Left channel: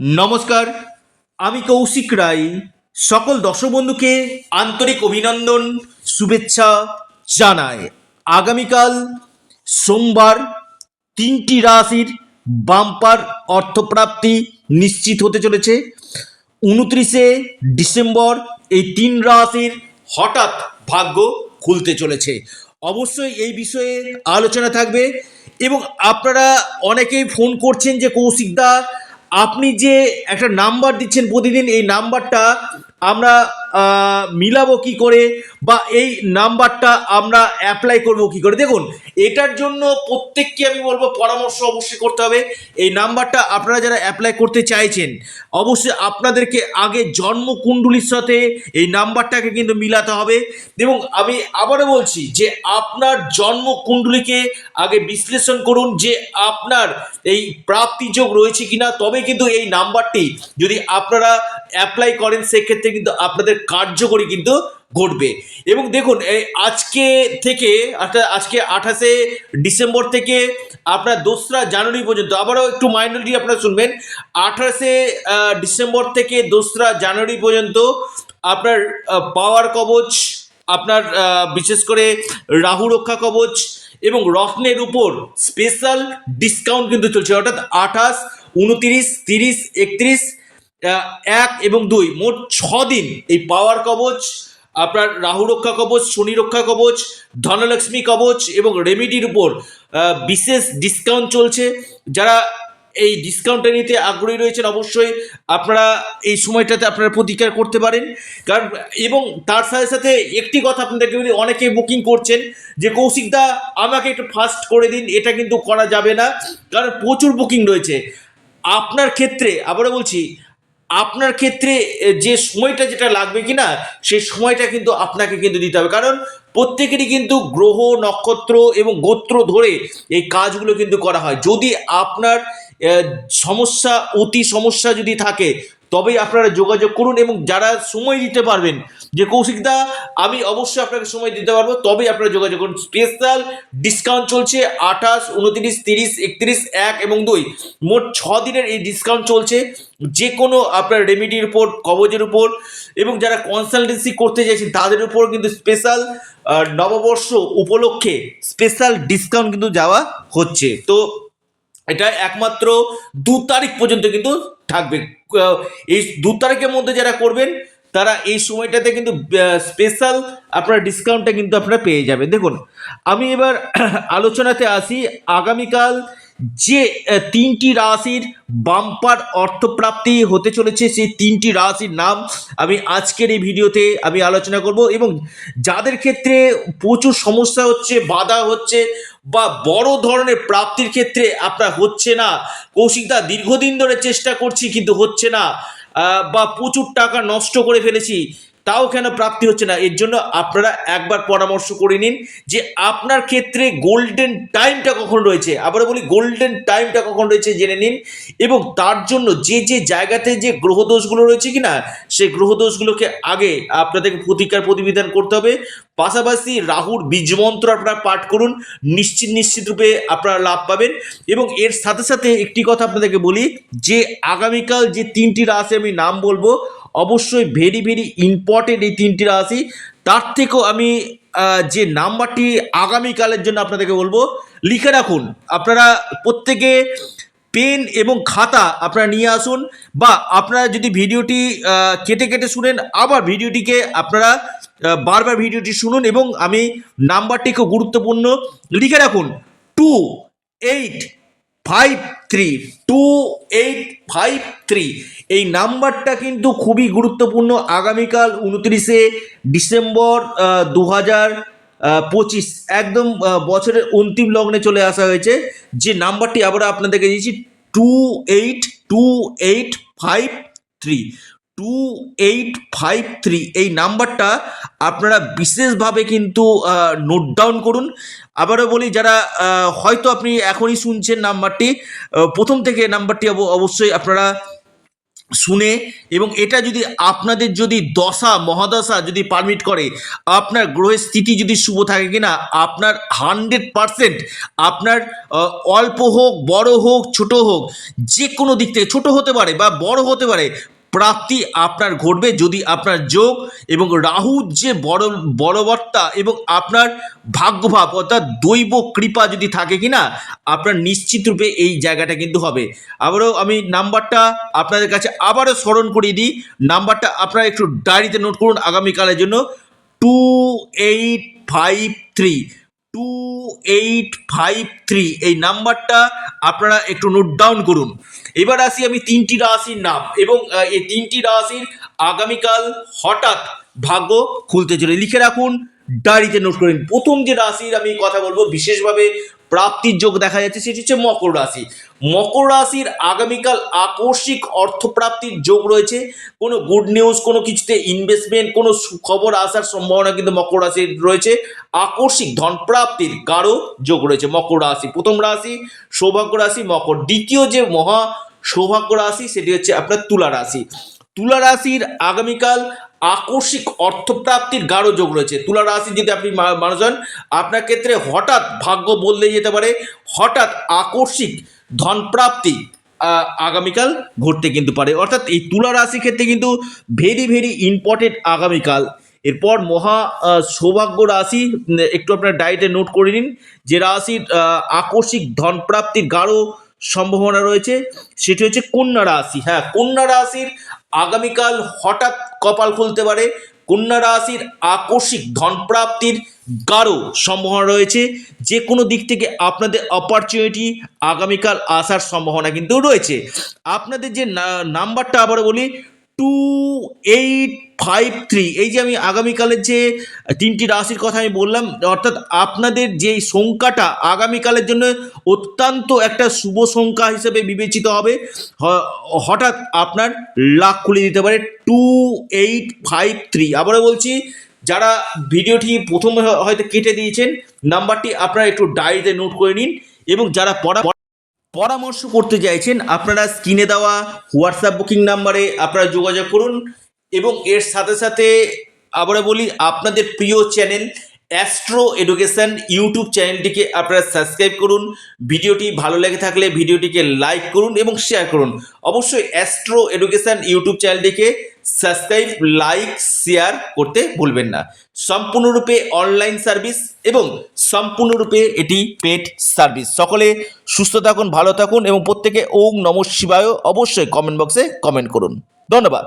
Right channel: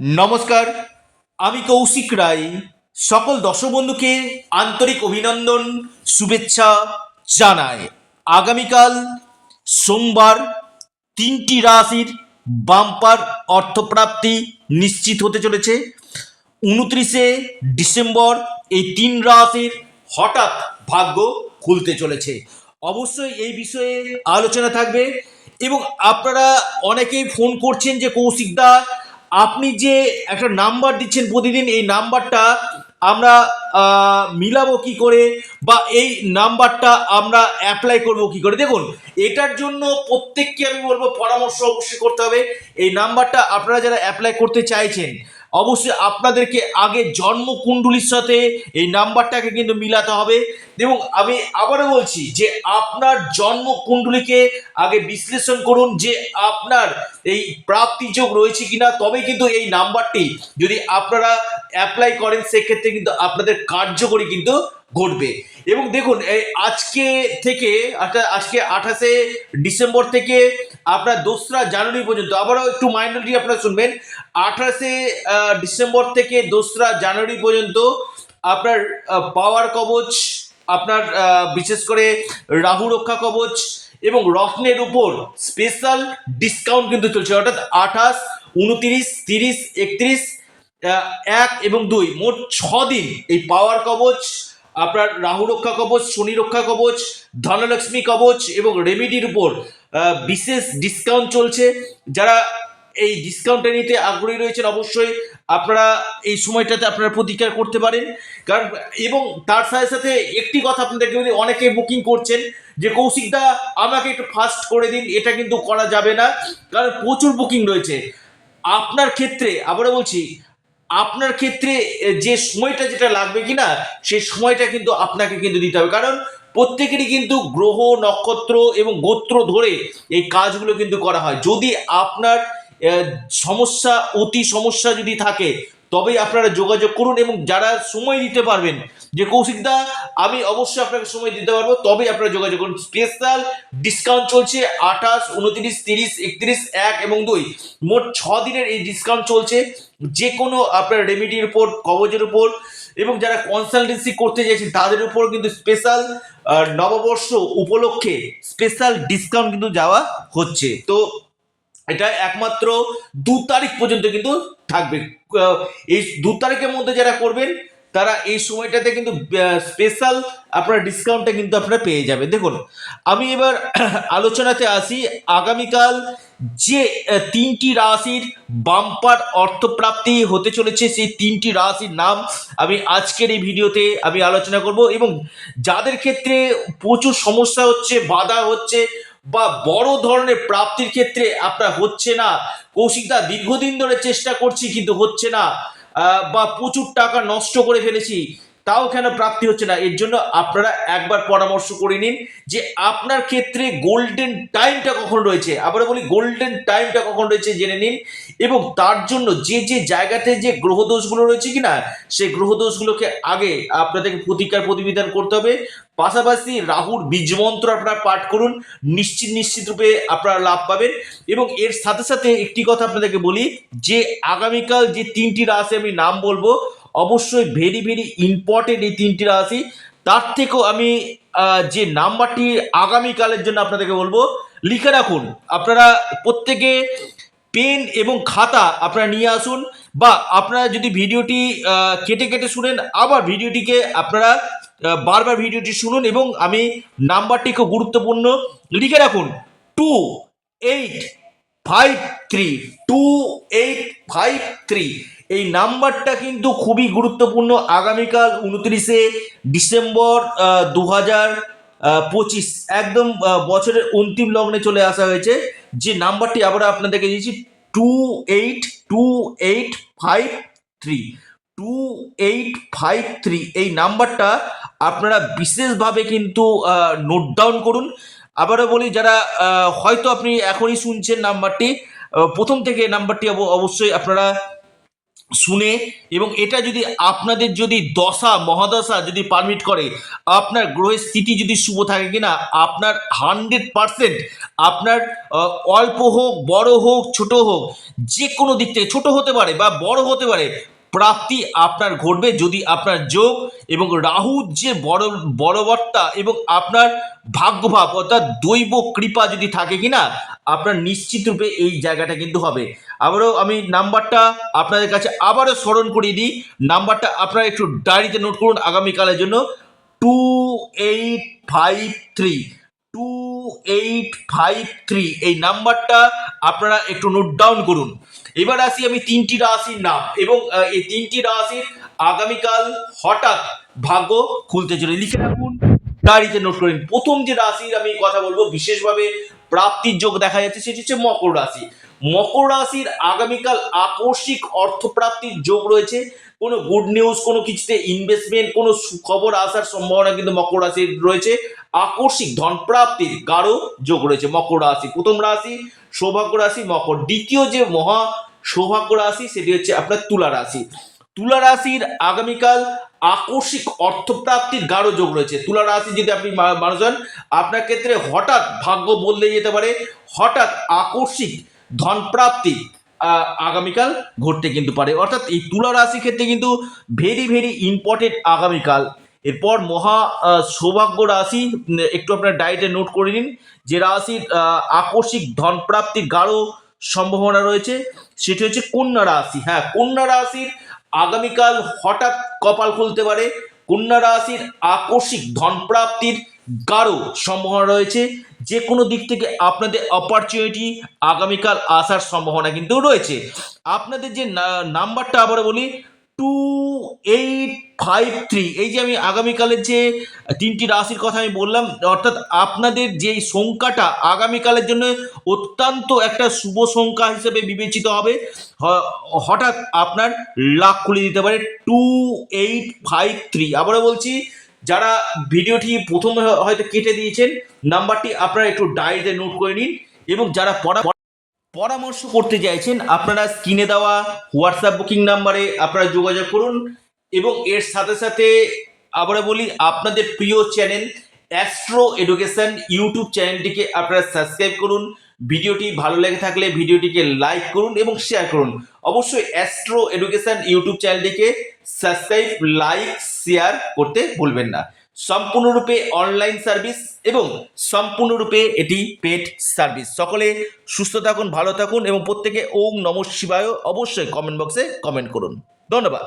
নমস্কার, আমি কৌশিক রায়। সকল দর্শক বন্ধুকে আন্তরিক অভিনন্দন, শুভেচ্ছা জানাই। আগামীকাল সোমবার তিনটি রাশির বাম্পার অর্থপ্রাপ্তি নিশ্চিত হতে চলেছে। 29শে ডিসেম্বর এই তিন রাশির হঠাৎ ভাগ্য খুলতে চলেছে। অবশ্যই এই বিষয়ে আলোচনা থাকবে এবং আপনারা অনেকেই ফোন করছেন যে কৌশিকদা, আপনি যে একটা নাম্বার দিচ্ছেন প্রতিদিন, এই নাম্বারটা আমরা মিলাবো কি করে, বা এই নাম্বারটা আমরা অ্যাপ্লাই করব কি করে। দেখুন, এটার জন্য প্রত্যেককে আমি বলবো পরামর্শ অবশ্যই করতে হবে। এই নাম্বারটা আপনারা যারা অ্যাপ্লাই করতে চাইছেন, অবশ্যই আপনাদেরকে আগে জন্মকুণ্ডলীর সাথে এই নাম্বারটাকে কিন্তু মিলাতে হবে। এবং আমি আবারও বলছি যে আপনার জন্মকুণ্ডলীকে আগে বিশ্লেষণ করুন যে আপনার এই প্রাপ্তি যোগ রয়েছে কিনা, তবে কিন্তু এই নাম্বারটি যদি আপনারা অ্যাপ্লাই করেন সেক্ষেত্রে কিন্তু আপনাদের কার্যকরী কিন্তু ঘটবে। এবং দেখুন, আজকে থেকে অর্থাৎ আজকে 28শে ডিসেম্বর থেকে আপনার 2রা জানুয়ারি পর্যন্ত, আবারও একটু মাইন্ডলি আপনারা শুনবেন, 28শে ডিসেম্বর থেকে 2রা জানুয়ারি পর্যন্ত আপনার পাওয়ার কবচ, আপনার বিশেষ করে রাহু রক্ষা কবচ এবং রত্নের উপর স্পেশাল ডিসকাউন্ট কিন্তু চলছে। অর্থাৎ 28, 29, 30, 31, 1 এবং 2 মোট 6 দিন এই পাওয়ার কবচ, আপনার রাহু রক্ষা কবচ, শনি রক্ষা কবচ, ধনলক্ষ্মী কবচ এবং রেমিডির উপর বিশেষ ডিসকাউন্ট চলছে। যারা এই ডিসকাউন্টটা নিতে আগ্রহী রয়েছেন অবশ্যই আপনারা এই সময়টাতে আপনারা প্রতিকার করতে পারেন। কারণ এবং তার সাথে সাথে একটি কথা আপনাদেরকে বলি, অনেকে বুকিং করছেন যে কৌশিকদা আমাকে একটু ফাস্ট করে দিন, এটা কিন্তু করা যাবে না, কারণ প্রচুর বুকিং রয়েছে। আপনার ক্ষেত্রে আবারও বলছি, আপনার ক্ষেত্রে যে সময়টা যেটা লাগবে কিনা সেই সময়টা কিন্তু আপনাকে কিন্তু দিতে হবে। কারণ প্রত্যেকেরই কিন্তু গ্রহ, নক্ষত্র এবং গোত্র ধরে এই কাজগুলো কিন্তু করা হয়। যদি আপনার সমস্যা, অতি সমস্যা যদি থাকে, তবেই আপনারা যোগাযোগ করুন। এবং যারা সময় দিতে পারবেন যে কৌশিকদা আমি অবশ্যই আপনাকে সময় দিতে পারবো, তবেই আপনারা যোগাযোগ করুন। স্পেশাল ডিসকাউন্ট চলছে 28, 29, 30, 31, 1 এবং 2 মোট 6 দিনের এই ডিসকাউন্ট চলছে। যে কোনো আপনার রেমিডির উপর, কবজের উপর এবং যারা কনসালটেন্সি করতে চাইছেন তাদের উপর কিন্তু স্পেশাল নববর্ষ উপলক্ষে স্পেশাল ডিসকাউন্ট কিন্তু যাওয়া হচ্ছে। তো এটা একমাত্র 2 তারিখ পর্যন্ত কিন্তু থাকবে। এই 2 তারিখের মধ্যে যারা করবেন তারা এই সময়টাতে কিন্তু স্পেশাল আপনার ডিসকাউন্টটা কিন্তু আপনারা পেয়ে যাবেন। দেখুন, আমি এবার আলোচনাতে আসি। আগামীকাল যে তিনটি রাশির বাম্পার অর্থপ্রাপ্তি হতে চলেছে, সেই তিনটি রাশির নাম আমি আজকের এই ভিডিওতে আমি আলোচনা করব। এবং যাদের ক্ষেত্রে প্রচুর সমস্যা হচ্ছে, বাধা হচ্ছে, বা বড় ধরনের প্রাপ্তির ক্ষেত্রে আপনার হচ্ছে না, কৌশিকদা দীর্ঘদিন ধরে চেষ্টা করছি কিন্তু হচ্ছে না, বা প্রচুর টাকা নষ্ট করে ফেলেছি তাও কেন প্রাপ্তি হচ্ছে না, এর জন্য আপনারা একবার পরামর্শ করে নিন যে আপনার ক্ষেত্রে গোল্ডেন টাইমটা কখন রয়েছে। আবারও বলি, গোল্ডেন টাইমটা কখন রয়েছে জেনে নিন। এবং তার জন্য যে যে জায়গাতে যে গ্রহদোষগুলো রয়েছে কিনা সেই গ্রহদোষগুলোকে আগে আপনাদেরকে প্রতিকার প্রতিবিধান করতে হবে। পাশাপাশি রাহুর বীজমন্ত্র আপনারা পাঠ করুন, নিশ্চিত রূপে আপনারা লাভ পাবেন। এবং এর সাথে সাথে একটি কথা আপনাদেরকে বলি যে আগামীকাল যে তিনটি রাশি আমি নাম বলবো, অবশ্যই ভেরি ভেরি ইম্পর্টেন্ট এই তিনটি রাশি। তার থেকেও আমি যে নাম্বারটি আগামীকালের জন্য আপনাদেরকে বলবো, লিখে রাখুন। আপনারা প্রত্যেকে পেন এবং খাতা আপনারা নিয়ে আসুন, বা আপনারা যদি ভিডিওটি কেটে কেটে শুনেন, আবার ভিডিওটিকে আপনারা বারবার ভিডিওটি শুনুন। এবং আমি নাম্বারটি খুব গুরুত্বপূর্ণ, লিখে রাখুন 2853, 2853। এই নাম্বারটা কিন্তু খুবই গুরুত্বপূর্ণ। আগামীকাল 29শে ডিসেম্বর 2025, একদম বছরের অন্তিম লগ্নে চলে আসা হয়েছে। যে নাম্বারটি আবার আপনাদেরকে দিয়েছি 2853, 2853, এই নাম্বারটা আপনারা বিশেষভাবে কিন্তু নোট ডাউন করুন। আবারও বলি, যারা হয়তো আপনি এখনই শুনছেন নাম্বারটি, প্রথম থেকে নাম্বারটি অবশ্যই আপনারা শুনে এবং এটা যদি আপনাদের যদি দশা মহাদশা যদি পারমিট করে, আপনার গ্রহের স্থিতি যদি শুভ থাকে কিনা, আপনার 100% আপনার অল্প হোক বড় হোক ছোট হোক, যে কোনো দিক থেকে, ছোট হতে পারে বা বড় হতে পারে, প্রাপ্তি আপনার ঘটবে যদি আপনার যোগ এবং রাহুর যে বড়বর্তা এবং আপনার ভাগ্যভাব অর্থাৎ দৈব কৃপা যদি থাকে কিনা, আপনার নিশ্চিত রূপে এই জায়গাটা কিন্তু হবে। আবারও আমি নাম্বারটা আপনাদের কাছে আবারও স্মরণ করিয়ে দিই, নাম্বারটা আপনারা একটু ডায়েরিতে নোট করুন আগামীকালের জন্য। 2853, 2853 এই নাম্বারটা আপনারা একটু নোট ডাউন করুন। এবার আসি আমি তিনটি রাশির নাম এবং এই তিনটি রাশির আগামীকাল হঠাৎ ভাগ্য খুলতে চলে, লিখে রাখুন, ডায়েরিতে নোট করুন। প্রথম যে রাশির আমি কথা বলবো বিশেষভাবে প্রাপ্তির যোগ দেখা যাচ্ছে সেটি হচ্ছে মকর রাশি। মকর রাশির আগামীকাল আকস্মিক অর্থপ্রাপ্তির যোগ রয়েছে। কোনো গুড নিউজ, কোনো কিছুতে ইনভেস্টমেন্ট, কোনো সুখবর আসার সম্ভাবনা কিন্তু মকর রাশির রয়েছে। আকস্মিক ধনপ্রাপ্তির গাঢ় যোগ রয়েছে মকর রাশি। প্রথম রাশি সৌভাগ্য রাশি মকর। দ্বিতীয় যে মহা সৌভাগ্য রাশি সেটি হচ্ছে আপনার তুলা রাশি। তুলা রাশির আগামীকাল আকস্মিক অর্থপ্রাপ্তির গাঢ় যোগ রয়েছে। তুলা রাশি যদি আপনি মানুষ হন, আপনার ক্ষেত্রে হঠাৎ ভাগ্য বদলে যেতে পারে, হঠাৎ আকস্মিক ধনপ্রাপ্তি আগামীকাল ঘটতে কিন্তু পারে। অর্থাৎ এই তুলা রাশির ক্ষেত্রে কিন্তু ভেরি ভেরি ইম্পর্টেন্ট আগামীকাল। এরপর মহা সৌভাগ্য রাশি, একটু আপনার ডায়েরিতে নোট করে নিন, যে রাশির আকস্মিক ধনপ্রাপ্তির গাঢ় সম্ভাবনা রয়েছে সেটি হচ্ছে কন্যা রাশি। হ্যাঁ, কন্যা রাশির আগামীকাল হঠাৎ কপাল খুলতে পারে। কন্যা রাশির আকস্মিক ধনপ্রাপ্তির গাঢ় সম্ভাবনা রয়েছে। যে কোনো দিক থেকে আপনাদের অপরচুনিটি আগামীকাল আসার সম্ভাবনা কিন্তু রয়েছে। আপনাদের যে নাম্বারটা আবার বলি 2853, এই যে আমি আগামীকালের যে তিনটি রাশির কথা আমি বললাম, অর্থাৎ আপনাদের যে সংখ্যাটা আগামীকালের জন্য অত্যন্ত একটা শুভ সংখ্যা হিসেবে বিবেচিত হবে। হঠাৎ আপনার লাখ খুলে দিতে পারে 2853। আবারও বলছি, যারা ভিডিওটি প্রথমে হয়তো কেটে দিয়েছেন, নাম্বারটি আপনারা একটু ডায়েরিতে নোট করে নিন এবং যারা পরামর্শ করতে চাইছেন আপনারা স্ক্রিনে দেওয়া হোয়াটসঅ্যাপ বুকিং নাম্বারে আপনারা যোগাযোগ করুন। এবং এর সাথে সাথে আবারও বলি, আপনাদের প্রিয় চ্যানেল অ্যাস্ট্রো এডুকেশন ইউটিউব চ্যানেলটিকে আপনারা সাবস্ক্রাইব করুন। ভিডিওটি ভালো লেগে থাকলে ভিডিওটিকে লাইক করুন এবং শেয়ার করুন। অবশ্যই অ্যাস্ট্রো এডুকেশন ইউটিউব চ্যানেলটিকে সাবস্ক্রাইব, লাইক, শেয়ার করতে ভুলবেন না। সম্পূর্ণরূপে অনলাইন সার্ভিস এবং সম্পূর্ণরূপে এটি পেড সার্ভিস। সকলে সুস্থ থাকুন, ভালো থাকুন এবং প্রত্যেকে ওম নমঃ শিবায় অবশ্যই কমেন্ট বক্সে কমেন্ট করুন। ধন্যবাদ।